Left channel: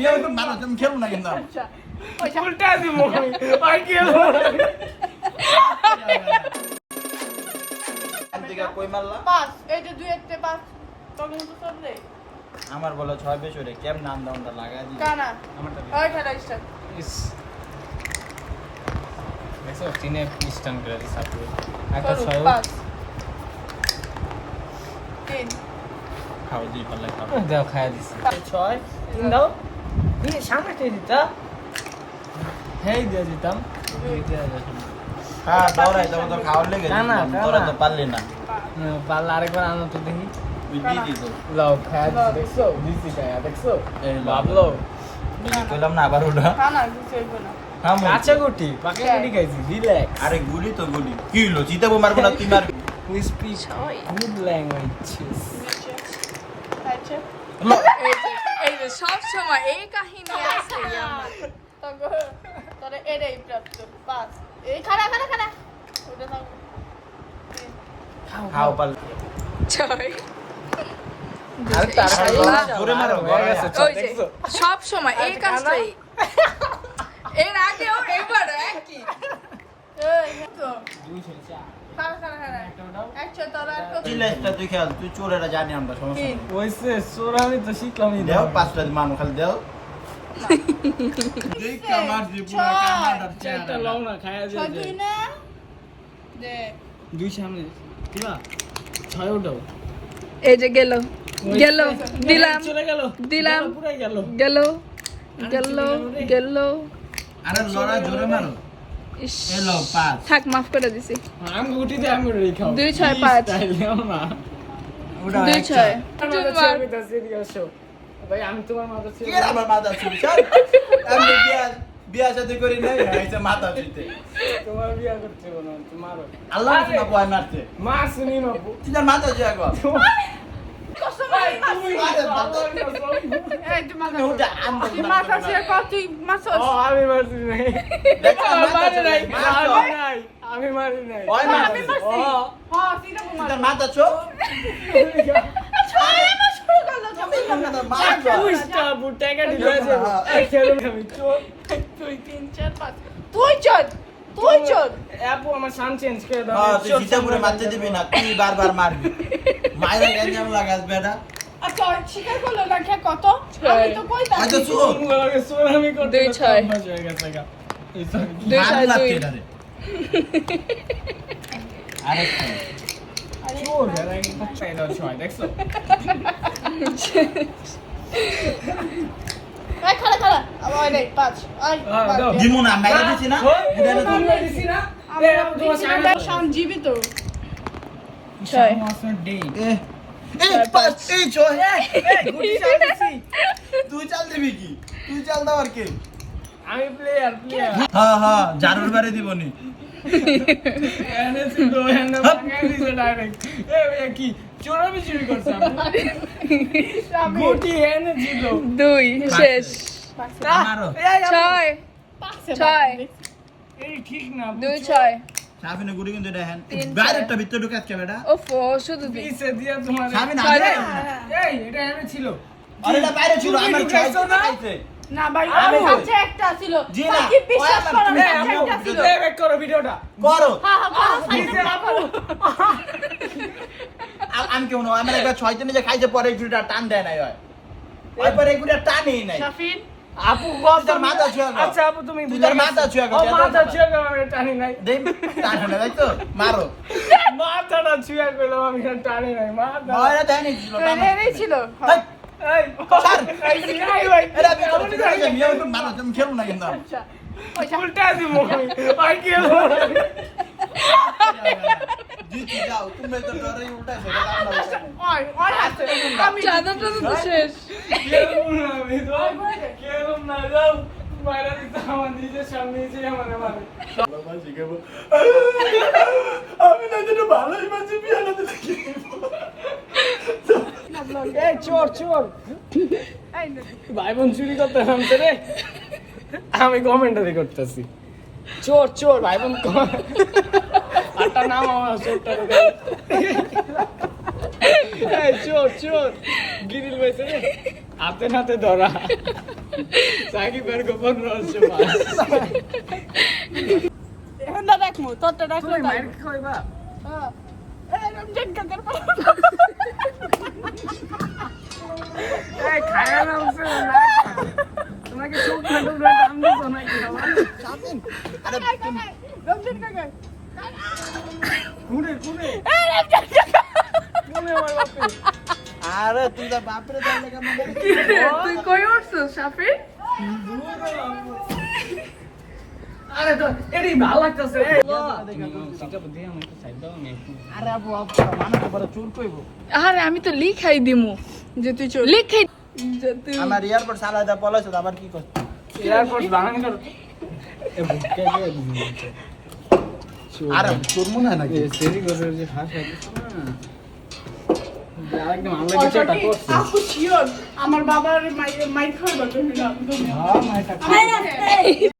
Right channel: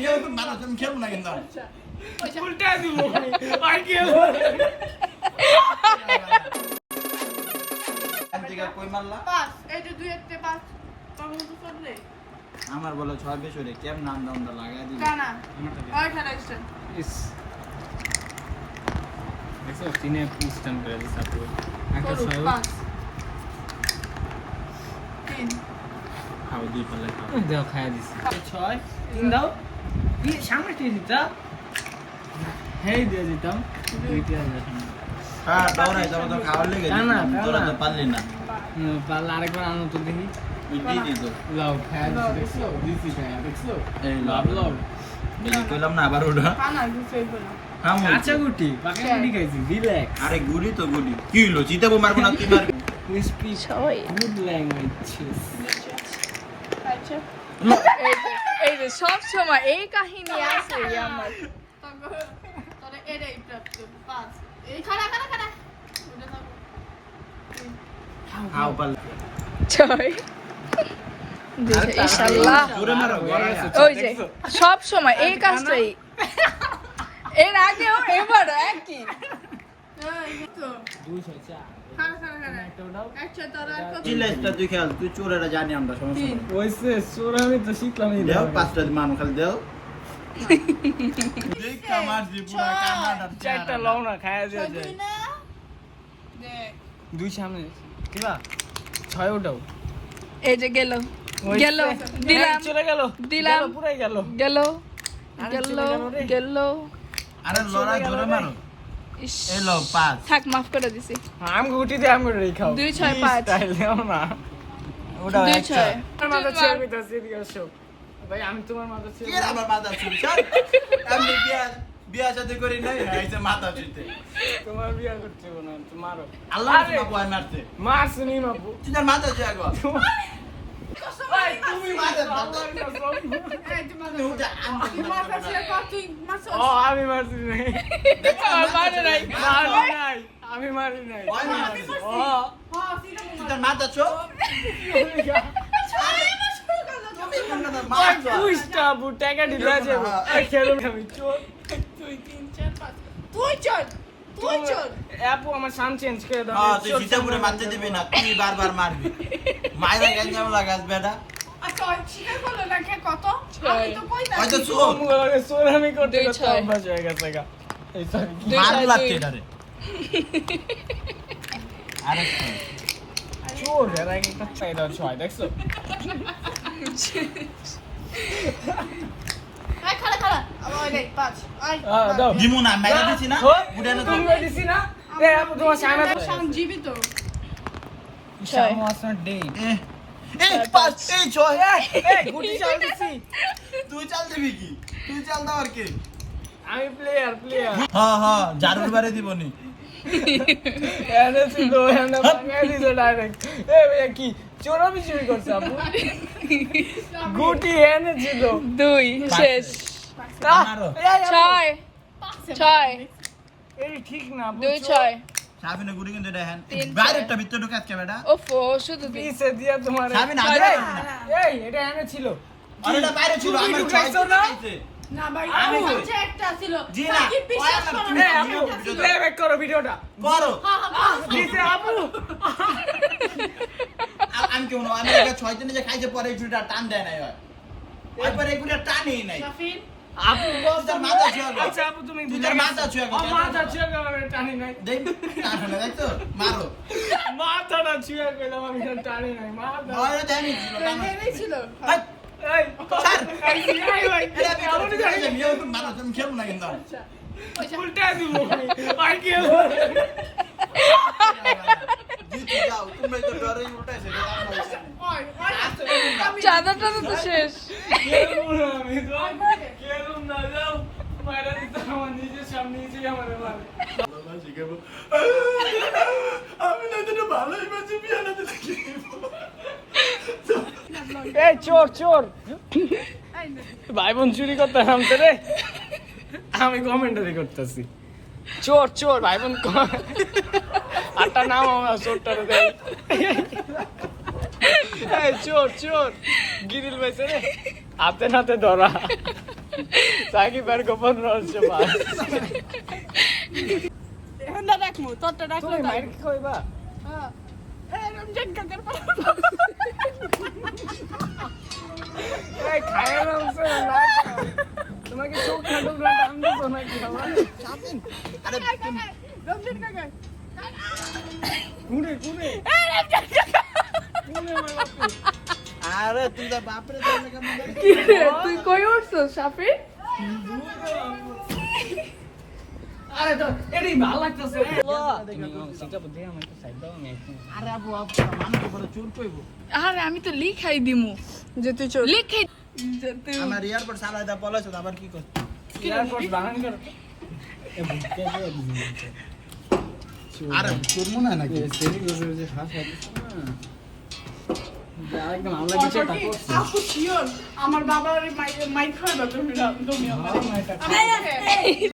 খেলবো না কিন্তু উল্টা দিব আর কি কই মারলা পাঁচ এই যে দুই একটা পাঁচ কখন তো করলে আমার বলো 6 বেশ হলে কেম নাম দামটা লাগাই দিই কানা আমারটা ওই খেলা স্টার্ট ইস দেখো চিনে পিস্টন করে দিছে একটা ছয় পাঁচ তিন খাও দুই পাল্লা খাও দাও খায়া দিছে 6 3 দাও এই সামনে তুই দিতা হেই দিয়ে দিতাম দেখলে দেখুন হ্যাঁ দৌড়াই যাবো তো খাওয়ার লেগে তোরা তো পারলি না পাল্লা আরেকবার আনো তো দেখি দিয়ে দিই লাও খায়া দিছে দেখছো দিছি খায়া দেখছো এই বাবলো বুঝি কইলাম না আবার ওটা কানা কিছু হইতো না হ্যাঁ আচ্ছা গুটি পাকা গুটি খাইছি রিল্যাক্স আরে গুলি তো গুলি কি হলো জিতাবো মারবো না তুই মারবি ক্রিসপি ছয় গুড ল্যাঙ্গুয়েজ চিজ আচ্ছা এই যে সব সময় এই কাহিনী আছে আমার তাহলে এটাই প্রাপ্ত পাঁচ এই খাড়া খাড়া খাড়া ওটা থাকো তিন খাও পাল্লা ছয় ইনশাআল্লাহ জোরে মারো ওই যে সব সময় এই কাজটাই এর আগেও এবার একই চিল্লাইটা তুই খেয়াল তুই চোরেরা জানি আমরা সমস্যা নেই। ওইসে সোরামি তো শিখলামই দেও পাঁচটা মানু খালি দেও দেখ কামার দি পুরা কামার চারটা লও না খায়া দিয়ে ছয় দুই না দেখ দুই সামনে কিবা ছয় উঠাও এই যে গেল গেল দিলাম চলে গেল দিলাম পুরাই গেল গেল গেল গেল আরে লড়া জোরে মারো ইস এলো পাঁচ থাক মাফ করে দিছি আম গুটি দে আম গুটি খাও 2 6 5 তাইলেও না ওটা 2 একটা 6 আমার মাথা ছেড়ে দিতে দিয়েছো ভাই আমি তোমার মাথা কি ছেড়ে আমার মাথা চুরি চল আমি বিয়া সাথে করি নাই এইটা মাথা চুরিতে তোমার বিয়া করতে না তোমারও আল্লাহ তোমাকে বয় মারতে মা শুনি মাপু তুই তার মাথা চুরি আগো ওটা আমি মাথা ছেড়ে কর তুই মাথা ও আমি মারছি নাই মারে নাই। মারি নাই আমি মারি নাই ওই মারছি ও হ্যাঁ তুই না তুই তার মাথা চো পুষ্টা বুটাকা দিলা যাবে খেলুন আমি চোর তুই 3 4 5 তুই চল তুই চল আপু আমার সান চেঞ্জ করে দাও হ্যাঁ তুই জিতে পুরো মারতে দিবি না তুই বারবার মারবি মাইরা গেঞ্জাম লাগাস বেটা আচ্ছা স্বীকার করলো না কে কত আমি তো কই দাও হয়তো চোর সোর আমি করতে 2 6 অভ্যাস হয়ে গেছে গা এই সরি 2 মার 6 লাগছে 2 এটারে আরেকটা চোর এর আগে একটা চাইলো ছয় দেখছো এই খাড়া খাড়া আবার ওই নেই 5 আই দাও। দিমু না মাইরা দিছি না বুড়া না তুমি দিছি না এ আপু তোমার সামনে শাম জীবিত ছয় মাসের ডে এই পাঁচ এই ছয় গুটি চাল দিছি তুই চাল দিবি কি তুই চাল দাও কি আমি প্লেয়ার হ্যাঁ হ্যাঁ জারুর বারে দিবনি এনেছি তো এন্ড ভাঙা দিছো ডাইরেক্ট এ ভাই কি চোরামি চুরি করছে আপু গুটি এনেছি তো 2 শেষ আমারও 6 6 এই ঠিক না 2 6 সাবিনে গুড়ি কিন্তু দেখেন তিন, বাইরেটা ভিতরে ঢুকাত কে বেটা ওফো শুধু তুই পিছে দিয়া তোমার সাবিনে ছয় আরে না। এই এটা এনেছিল আরে এটা বাইরে ছিল আমার ছয় ঢুকাইছো না? খাইছে না ভাই আমি আমার কাছে একটা ছিল জি না, বাকি বিশ্বাস ওই করো আমার না এই কাছে আপু একটা ছিল প্লেব্যাক করো ভিডিওটা করো হ্যাঁ হ্যাঁ দিছে আপু আর আমি কেমন আমি একটা ছয় দিনে যে খাইছে পরে গুড়িটা টান দেয় নাই হয় এরপরে গুড়িটা টানেই নাই শাফিন আপু বল তোর মাথা ছুঁয়া গো। আচ্ছা আপু তুমি তুই তোর মাথা ছুঁয়া গো, ও তোর মাথা মাথা। ছুঁয়া গো আমি টানি নাই দেখ টান হলো দেখছো মারো মাথাটা ছুঁয়া গেলো আমি টানি নাই মাথা ভয়টা দেয়নি ছিল টান এই ছিল হাই, এই স্যার। এই ভাই এটা আমি কেমন করে নিয়ে মারো তুমি খেলো না কিন্তু আচ্ছা পয়সা উল্টা দিব আর কি জিতে যাও তুমি তো ডরে উল্টা সেটা দাম না ওই ওই আছে আমি চাঁদাটা তো শেষ আমি তো কেরম না যাও মারা দিতে আমার নিজের সামনে এসে আমার মারে আমি না যেন ভালোই বাঁচি বিয়ানা দিলে কি এই চোর চোর এই নে ভাই বোন চুরি করতে নামতে রে আমি কমেন্টারি করতেছি চোর চোর ভাই বোন আটটা নাম আমার চোরটা রে চোর চোর গিরিল ভাই হাতে নাতে ধরা সাকিবের গোপন রহস্য পাস এখন না রাখমু তোরটা রাখলে তুমি তাই মাইর কইবা হ্যাঁ এই রমজান কাকার পর এই খায়া না উঠছে না তোমাকে চোখ না ডুবলে কাম দিত না কি আরে রমজান কাকা কুড়ে কুড়ে এই রমজান কাকা কুড়ে আমার বাপে আরে তুই তো বাপরে তাহলে কেমন কি রে তুই কই উঠছস সাফি আরে তো এডি ভালো লাগতেছে রে সিটা বুদ্ধি আমার একটু সাইড দাও আমি একটু আরে আপু মানুষ পরে চুর কইবো আরে আমি তো লিখাই দিমু যে তুই চল লিখাই যে তুই আমার এয়ারপোর্ট সালা দা পলাইছো আবার কি করছ এয়ারপোর্ট বানান কর এ বুকে কে আরে তোর মনে হয় নাকি সেরি করে যে হাস একদম আল্লাহ কিছু একটা করছে আপু শিওর আমার বাবার মাই খাইবা তুমি না হ্যাঁ মাইটা